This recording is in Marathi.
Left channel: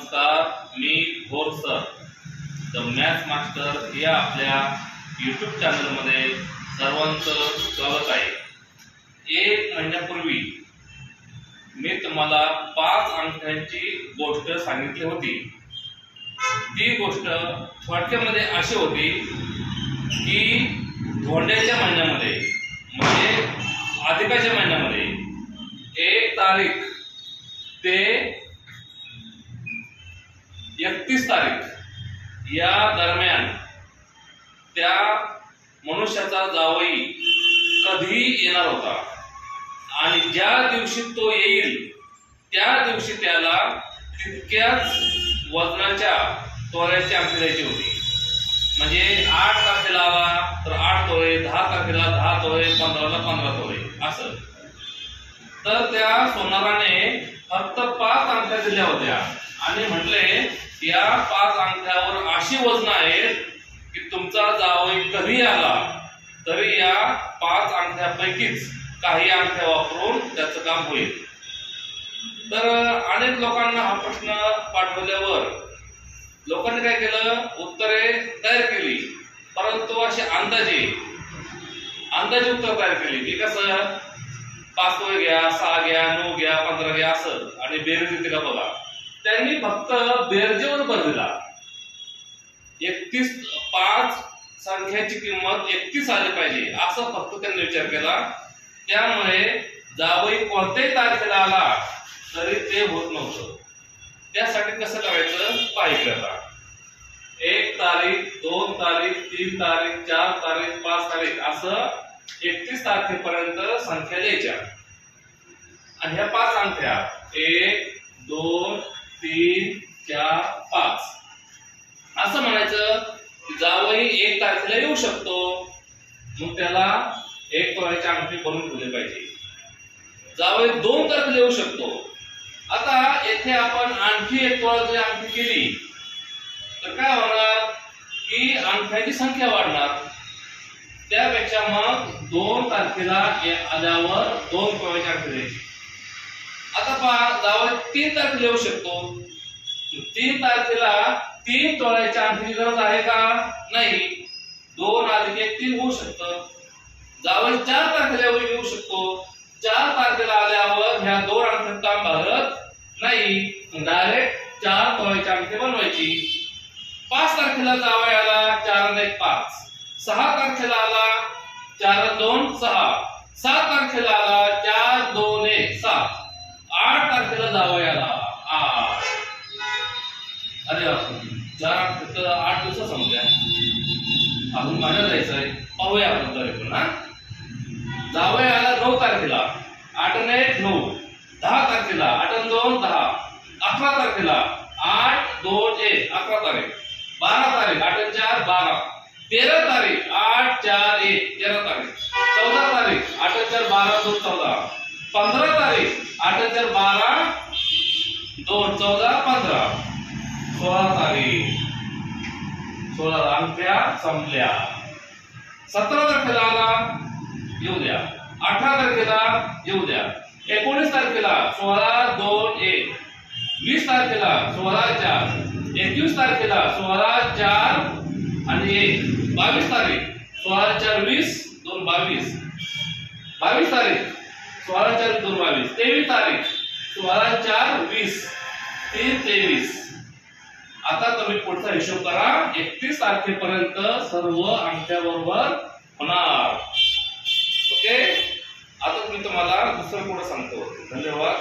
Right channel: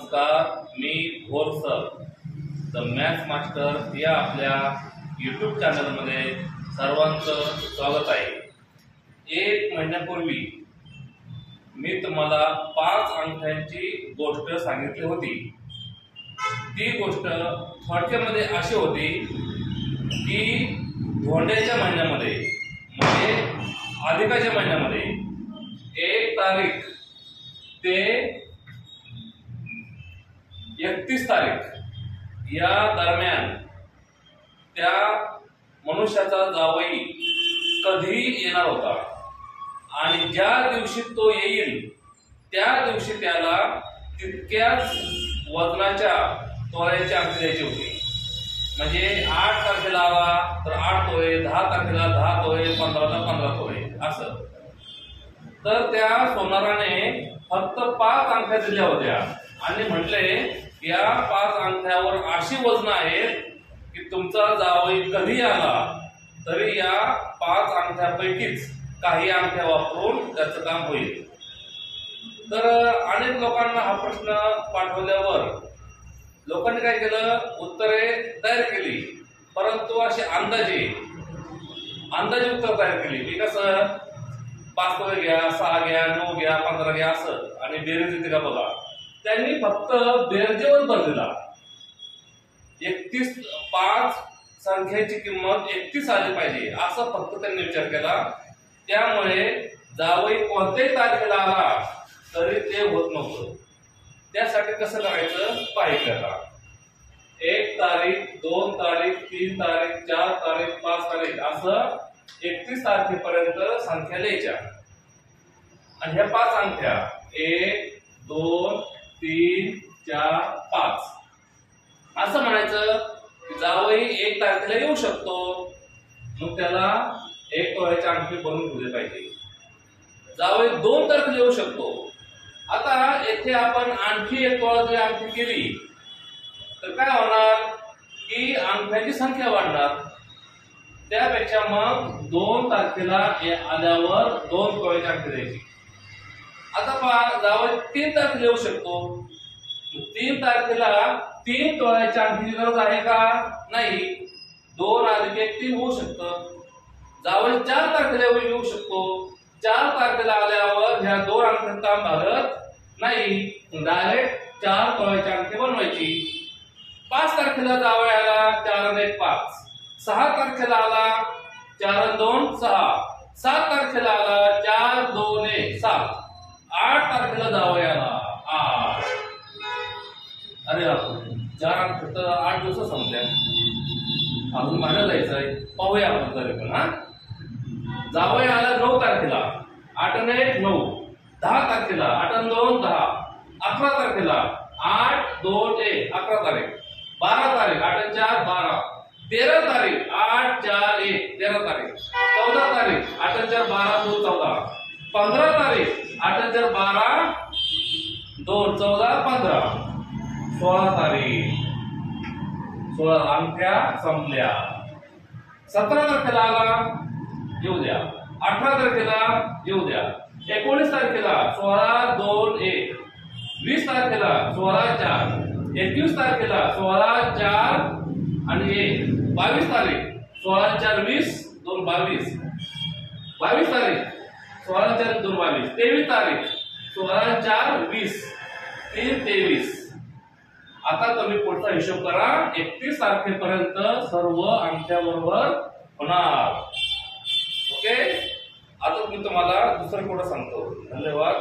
नमस्कार, मी घोर सर द मॅथ्स मास्टर या आपल्या यूट्यूब चॅनलमध्ये सर्वांचं स्वागत आहे। 1 महिन्यापूर्वी मी तुम्हाला 5 अंकांची गोष्ट सांगितली होती। ती गोष्ट थोडक्यामध्ये अशी होती की धोंड्याच्या महिन्यामध्ये म्हणजे अधिकाच्या महिन्यामध्ये 1 तारीख ते 31 तारीख या दरम्यान त्या मनुष्याचा जावई कधी येणार होता आणि ज्या दिवशी तो येईल त्या दिवशी त्याला तितक्याच वजनाच्या तोळ्याची अंगठी द्यायची होती। म्हणजे 8 तारखेला आला तर 8 तोळे, 10 तारखेला 10 तोळे, 15ला 15 तोळे असं। तर त्या सोनाराने फक्त 5 अंगठ्या दिल्या होत्या आणि म्हटले या 5 अंगठ्यावर अशी वजन आहेत की तुमचा जावई कधी आला तरी या 5 अंगठ्यापैकीच काही अंगठ्या वापरून त्याचं काम होईल। तर अनेक लोकांना हा प्रश्न पाठवल्यावर लोकांनी काय केलं, उत्तरे तयार केली, परंतु अशी अंदाजे उत्तर तयार केली की कसं 5 तोळे घ्या, 6 घ्या, 9 घ्या, 15 घ्या असं आणि बेरीज येते का बघा। त्यांनी फक्त बेरजेवर भर दिला। 5 संख्येची किंमत 31 आली पाहिजे असं फक्त त्यांनी विचार केला। त्यामुळे जावई कोणत्याही तारखेला आला तरी ते होत नव्हतं। त्यासाठी कसं करायचं पाहिजे आता 1 तारीख, 2 तारीख, 3 तारीख, 4 तारीख, 5 तारीख असं 31 तारखेपर्यंत संख्या द्यायच्या आणि ह्या 5 अंगठ्या 1, 2, 3, 4, 5 असं म्हणायचं की जावई 1 तारखेला येऊ शकतो, मग त्याला 1 तोळ्याची अंगठी बनवून ठेवली पाहिजे। जावई 2 तारखेला येऊ शकतो। आता येथे आपण आणखी 1 तोळ्याची अंगठी केली तर काय होणार की अंगठ्याची संख्या वाढणार। त्यापेक्षा मग 2 तारखेला आल्यावर 2 तोळ्याची अंगठी द्यायची। आता पहा जावई 3 तारखेला येऊ शकतो, 3 तारखेला 3 तोळ्याच्या अंगठीची गरज आहे का? नाही, 2 + 1 3 होऊ शकतं। जावई 4 तारखेला येऊ शकतो, 4 तारखेला आल्यावर ह्या 2 अंगठ्यात काम भागत नाही, डायरेक्ट 4 तोळ्याची अंगठी बनवायची। 5 तारखेला जावई आला, 4 + 1 5, 6 तारखेला आला 4 + 2 6, 7 तारखेला आला 4, 2, 1 7, 8 तारखेला जावई आला 8। अरे बापरे, 8 दिवस संपल्या, आपण महिन्यात जायचंय, पाहूया आपण तरी पण हा। जावई आला 9 तारखेला, 8 + 1 9, 10 तारखेला 8 + 2 10, 11 तारखेला 8, 2, 1 11 तारीख, 12 तारीख 8 + 4 12, 13 तारीख 8, 4, 1 13 तारीख, 14 तारीख 8 + 4 12 2 14, 15 तारीख 8 + 4 12 2 14 15, 16 तारीख 16 अंगठ्या संपल्या। 17 तारखेला आला येऊ द्या, 18 तारखेला येऊ द्या, 19 तारखेला 16 2 1, 20 तारखेला 16 4, 21 तारखेला 16 4 आणि 1, 22 तारीख 16 4 20 2 22, 22 तारीख 16 4 2 22, 23 तारीख 16 4 20 3 23। आता तुम्ही पुढचा हिशोब करा, 31 तारखेपर्यंत सर्व अंगठ्या बरोबर होणार। ओके, आता मी तुम्हाला दुसरं पुढे सांगतो। धन्यवाद।